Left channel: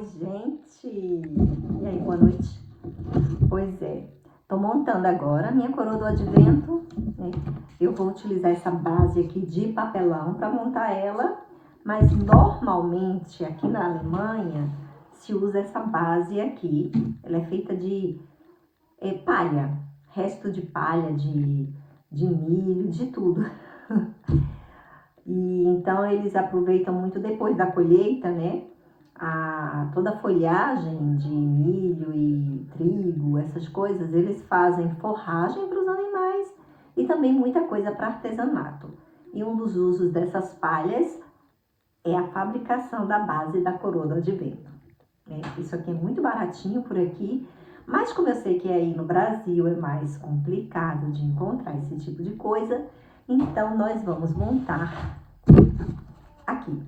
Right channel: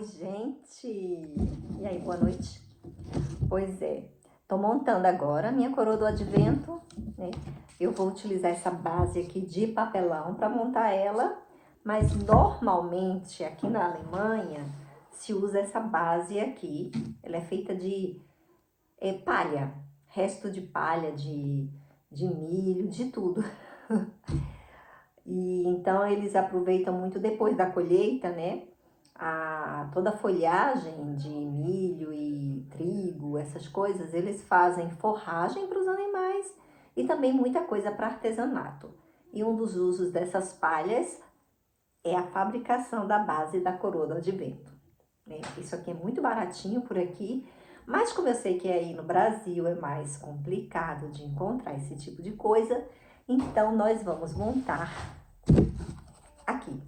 Oi, gente! E aí, boa noite? Pois é, tô montando agora a minha coroa do advento, né? Eu vou utilizar essa base aqui de papelão para montar ela, mas normalmente aqui na Alemanha se usa essa base aqui. Ela é feita de palha, resto de palha, de milho, de tudo. E então eles aproveitam muito depois da colheita, né? Toda a folhagem de milho e trigo, essas coisas, eles fazem forragem para os animais e também muita coisa para artesanato. E um dos usos dessas palhas é a fabricação da base da coroa do advento, né? Isso aqui é muito baratinho por aqui, mas como eu sei que aí no Brasil é mais complicado de encontrar esse tipo de coisa, então nós vamos montar aqui.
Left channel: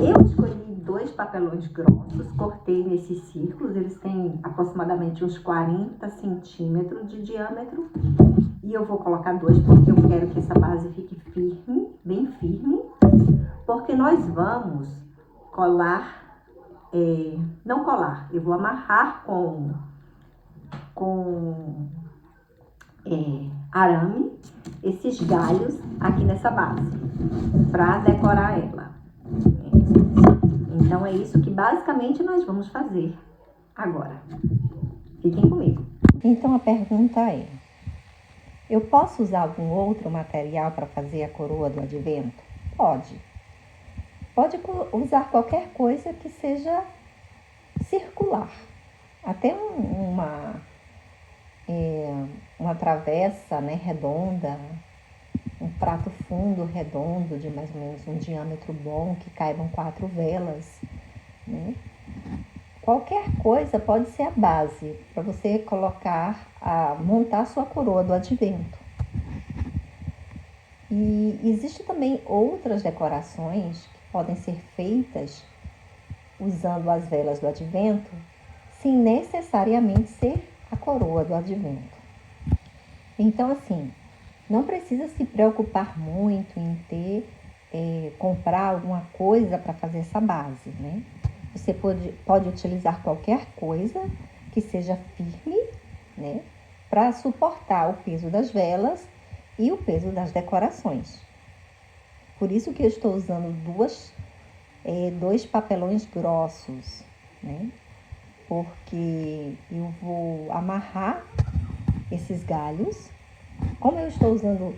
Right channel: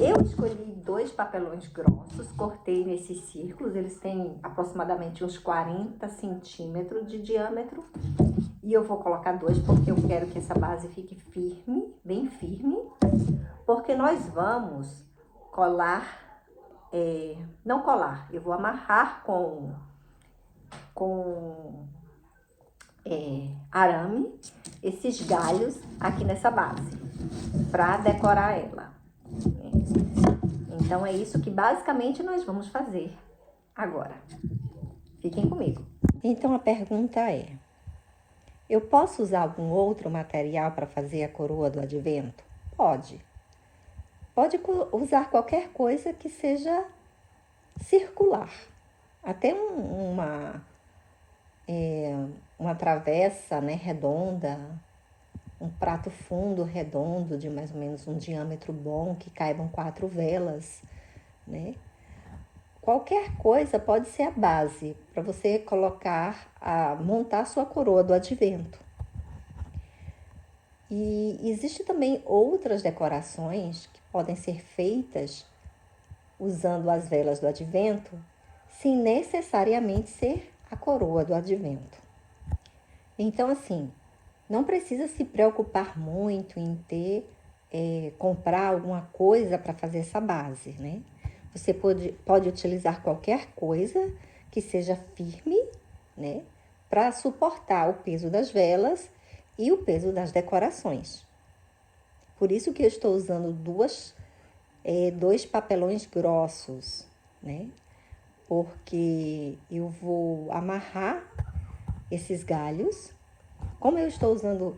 Eu escolhi 2 papelões grossos, cortei nesses círculos, eles têm aproximadamente uns 40 centímetros de diâmetro. E eu vou colocar 2 porque eu quero que essa base fique firme, bem firme. Porque nós vamos colar, não colar, eu vou amarrar com arame esses galhos aqui nessa base, para decorar ela. Então é isso que basicamente nós vamos fazer agora. Fiquem comigo. Então a pergunta é: eu posso usar algum outro material para fazer a coroa do advento? Pode. Pode usar qualquer coisa que seja circular. Até uma travessa, né, redonda, um prato fundo redondo de mais ou menos um diâmetro bom, que caibam 4 velas, né? Qualquer coisa pode ser a base para você montar a sua coroa do advento. E existe também outras decorações que podem ser feitas usando as velas do advento, sem necessariamente ser a coroa do advento. Então, assim, não precisa se preocupar muito em comprar alguma coisa para fazer essa base, né? Você pode utilizar qualquer coisa que seja firme, né? Para suportar o peso das velas e o peso das decorações. Por isso que eu estou usando 2 papelões grossos, né? Porque eu vou amarrar esses galhos. Como eu estou usando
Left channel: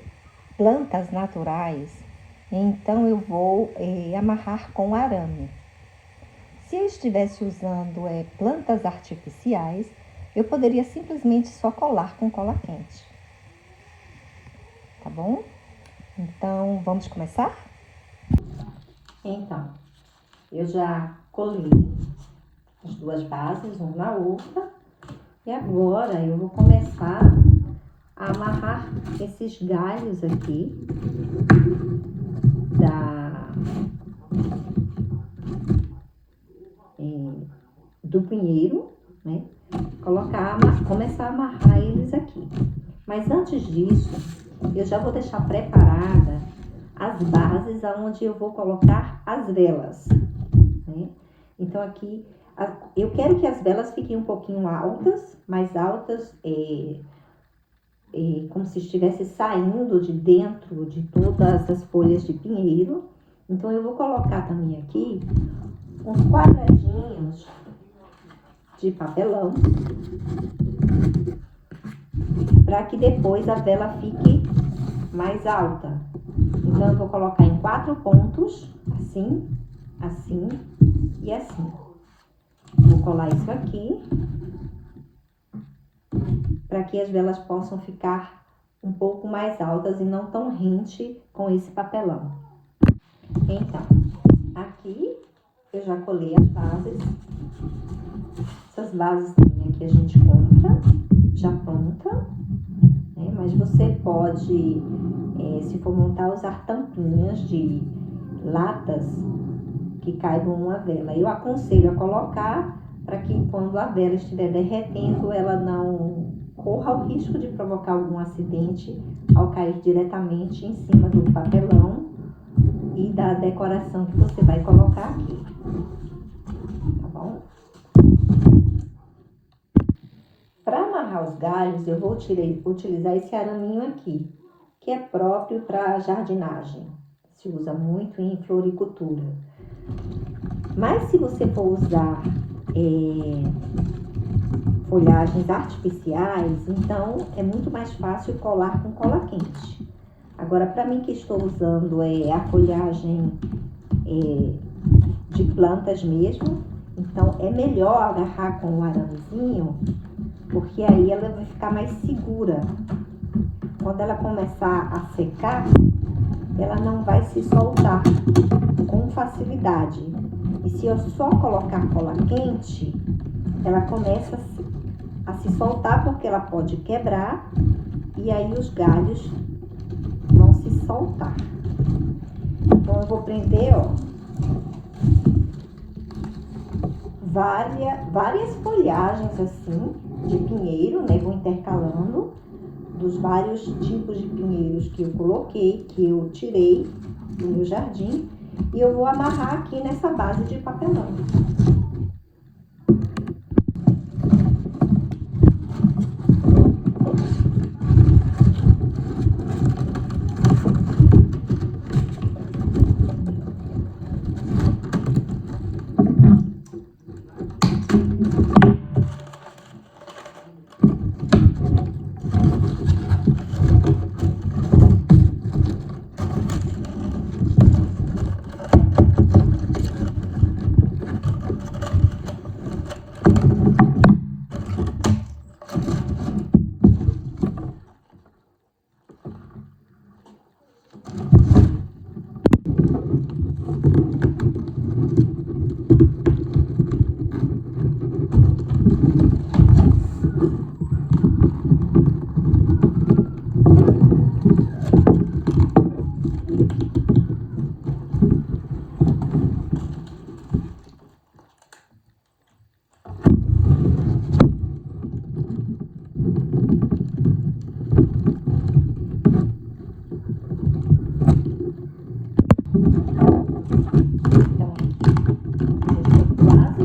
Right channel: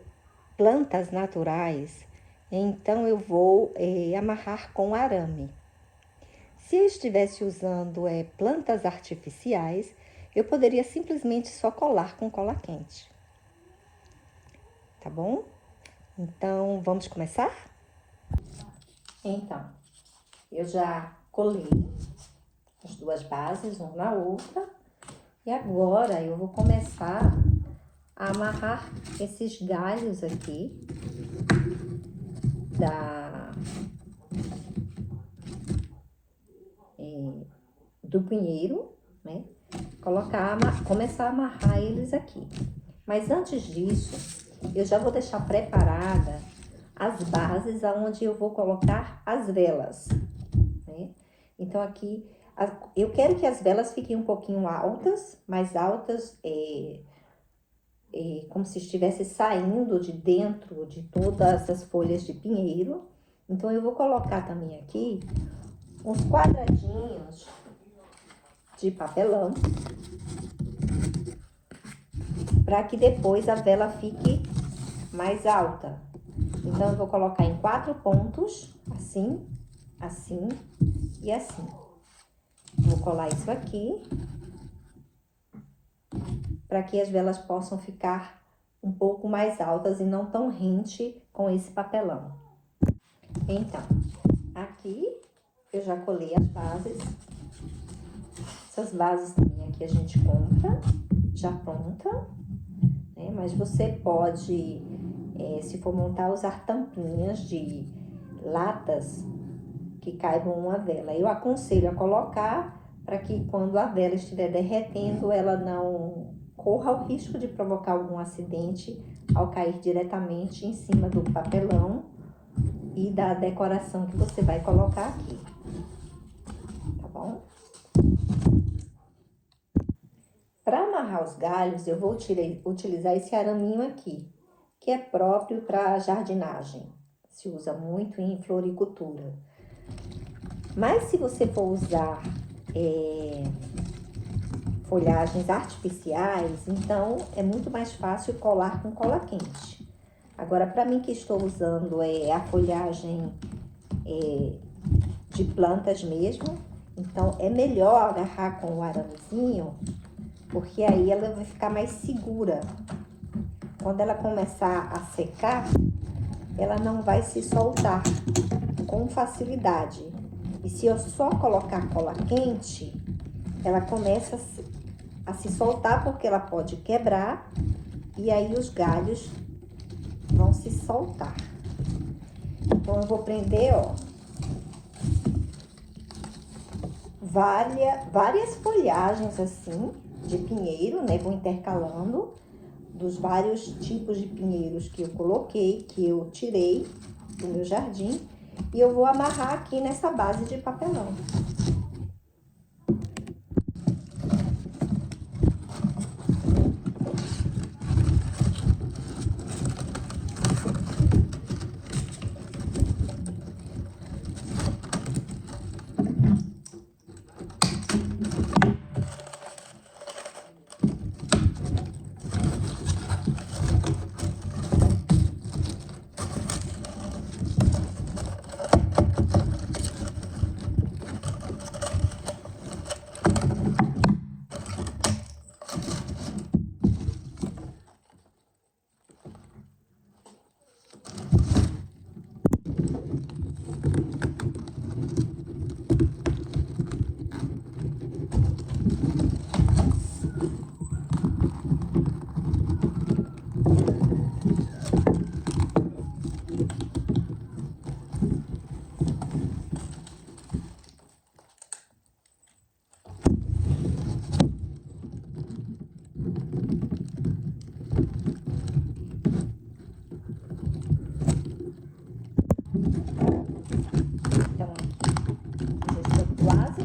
plantas naturais, então eu vou amarrar com arame. Se eu estivesse usando plantas artificiais, eu poderia simplesmente só colar com cola quente. Tá bom? Então, vamos começar? Então, eu já colei as 2 bases, uma na outra. E agora eu vou começar a amarrar esses galhos aqui do pinheiro, né? Começar a amarrar eles aqui. Mas antes disso, eu já vou deixar preparada as bases aonde eu vou colocar as velas, né? Então aqui, eu quero que as velas fiquem um pouquinho altas, mais altas, como se estivesse saindo de dentro de todas as folhas de pinheiro. Então eu vou colocar também aqui uns quadradinhos de papelão, para que depois a vela fique mais alta. Então eu vou colocar em 4 pontos, assim, assim e assim. Vou colar isso aqui, para que as velas possam ficar um pouco mais altas e não tão rente com esse papelão. Então, aqui eu já colei as bases. Essas bases também aqui a gente compra já pronta, né? Mas você pode, se for montar, usar tampinhas de latas que caibam uma vela. Eu aconselho a colocar para que quando a vela estiver derretendo, ela não corra o risco de provocar algum acidente ao cair diretamente em cima do papelão e da decoração que você vai colocar aqui. bom? Para amarrar os galhos, eu vou utilizar esse araminho aqui, que é próprio para jardinagem. Se usa muito em floricultura. Mas se você for usar folhagens artificiais, então é muito mais fácil colar com cola quente. Agora, para mim que estou usando a folhagem de plantas mesmo, então é melhor agarrar com o aramezinho, porque aí ela vai ficar mais segura. Quando ela começar a secar, ela não vai se soltar com facilidade. E se eu só colocar cola quente, ela começa a se soltar, porque ela pode quebrar e aí os galhos vão se soltar. Então eu vou prender, ó, várias folhagens assim de pinheiro, né? Vou intercalando dos vários tipos de pinheiros que eu coloquei, que eu tirei do meu jardim, e eu vou amarrar aqui nessa base de papelão.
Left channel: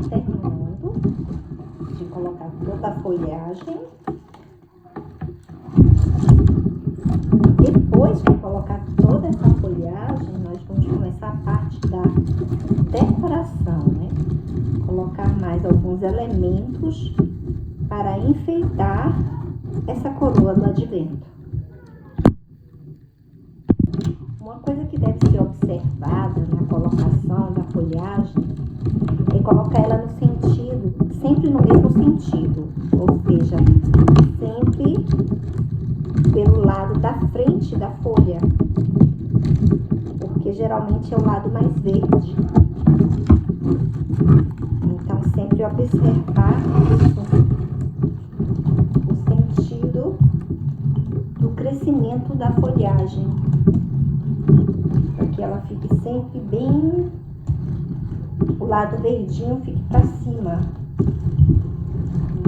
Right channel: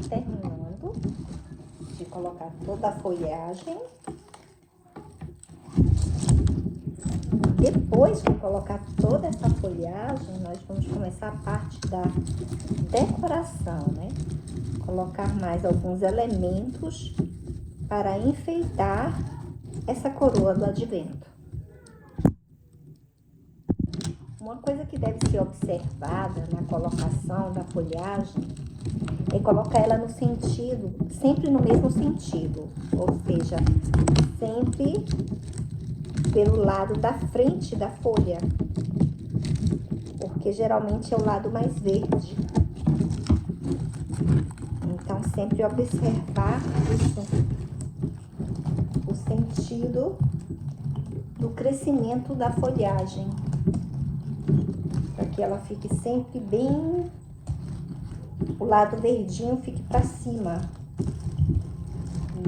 Terminando de colocar toda a folhagem. Depois de colocar toda essa folhagem, nós vamos começar a parte da decoração, né? Colocar mais alguns elementos para enfeitar essa coroa do advento. Uma coisa que deve ser observada na colocação da folhagem é colocar ela no sentido, sempre no mesmo sentido, ou seja, sempre pelo lado da frente da folha, porque geralmente é o lado mais verde. Então, sempre observar isso, o sentido do crescimento da folhagem, para que ela fique sempre bem, o lado verdinho fique para cima.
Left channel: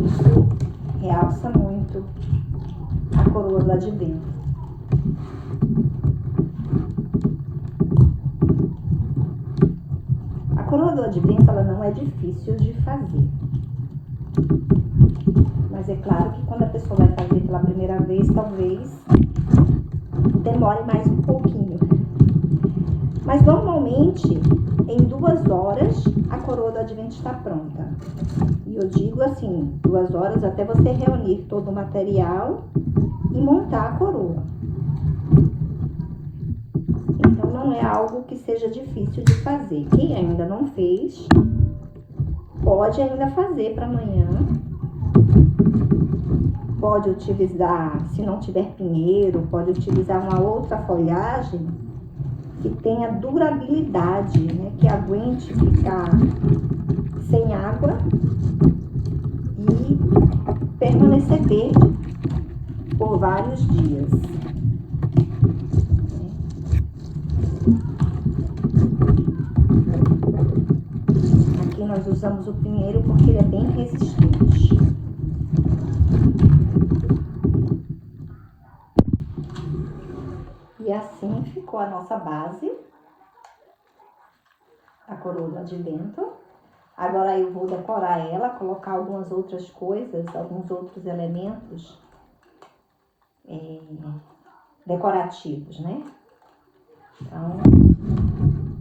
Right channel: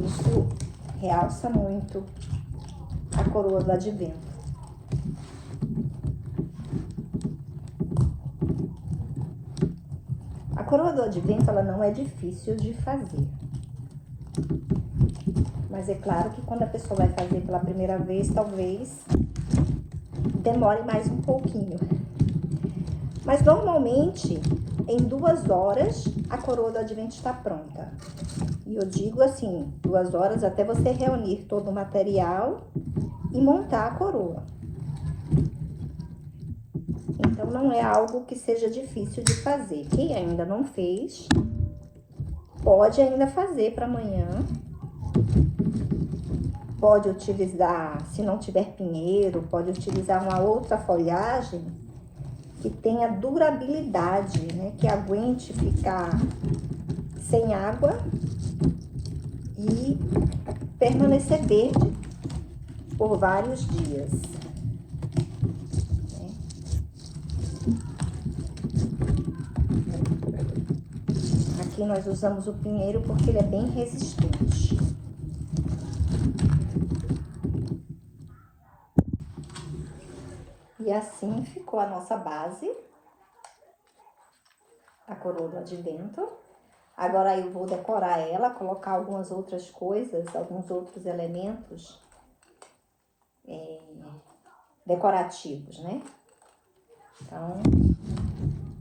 Isso realça muito a coroa do advento. A coroa do advento, ela não é difícil de fazer. Mas é claro que quando a pessoa vai fazer pela primeira vez, talvez demore mais um pouquinho. Mas normalmente, em 2 horas, a coroa do advento está pronta. E eu digo assim, 2 horas até você reunir todo o material e montar a coroa. Então, não é algo que seja difícil de fazer. Quem ainda não fez, pode ainda fazer para amanhã. Pode utilizar, se não tiver pinheiro, pode utilizar uma outra folhagem que tenha durabilidade, né? Que aguente ficar sem água e permanecer verde por vários dias. Aqui nós usamos o pinheiro porque ele é bem resistente. E assim ficou a nossa base, a coroa do advento. Agora eu vou decorar ela, colocar algumas outras coisas, alguns outros elementos decorativos, né? Então,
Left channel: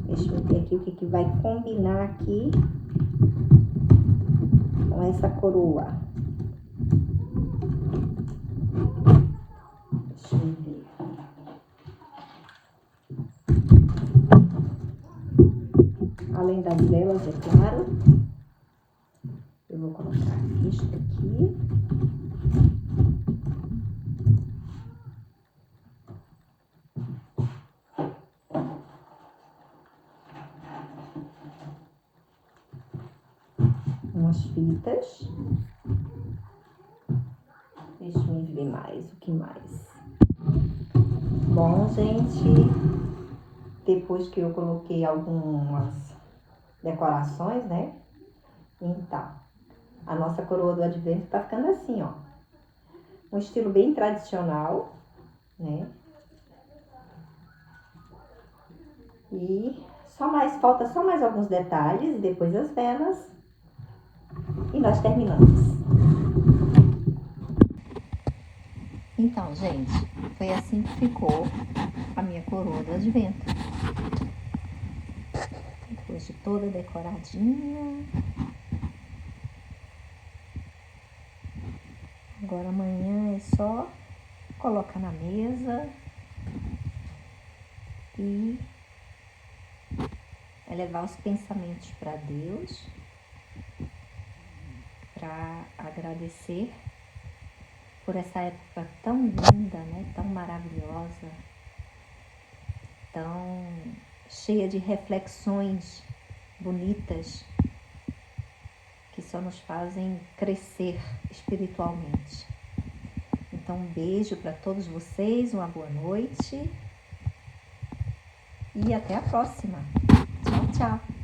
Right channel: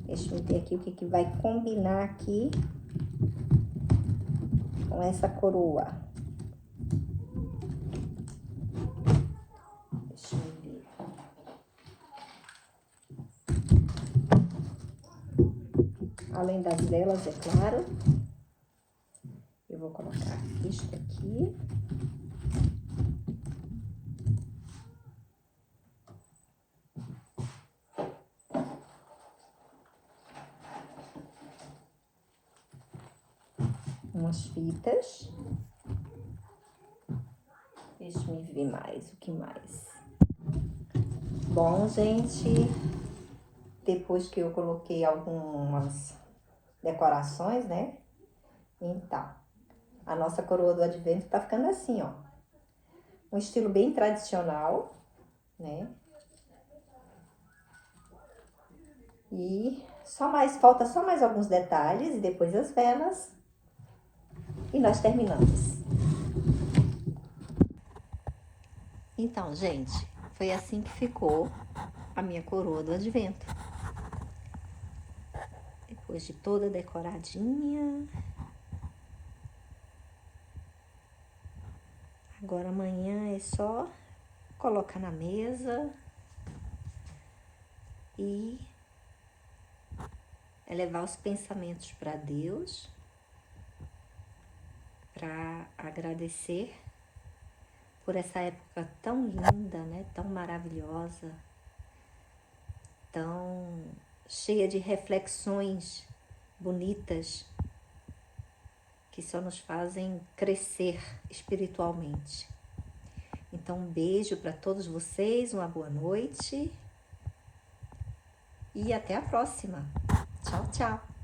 deixa eu ver aqui o que vai combinar aqui com essa coroa. Deixa eu ver. Além das velas, é claro, eu vou colocar isto aqui. Umas fitas. Deixa eu ver mais, o que mais? Bom, gente, depois que eu coloquei algumas decorações, né? Então, a nossa coroa do advento tá ficando assim, ó. Um estilo bem tradicional, né? E falta só mais alguns detalhes, e depois as velas. E nós terminamos. Então, gente, foi assim que ficou a minha coroa do advento. Depois de toda decoradinha. Agora amanhã é só colocar na mesa e elevar os pensamentos para Deus, para agradecer por essa época tão linda, né? Tão maravilhosa, tão cheia de reflexões bonitas que só nos fazem crescer espiritualmente. Então, um beijo para todos vocês, uma boa noite e até a próxima. Tchau, tchau.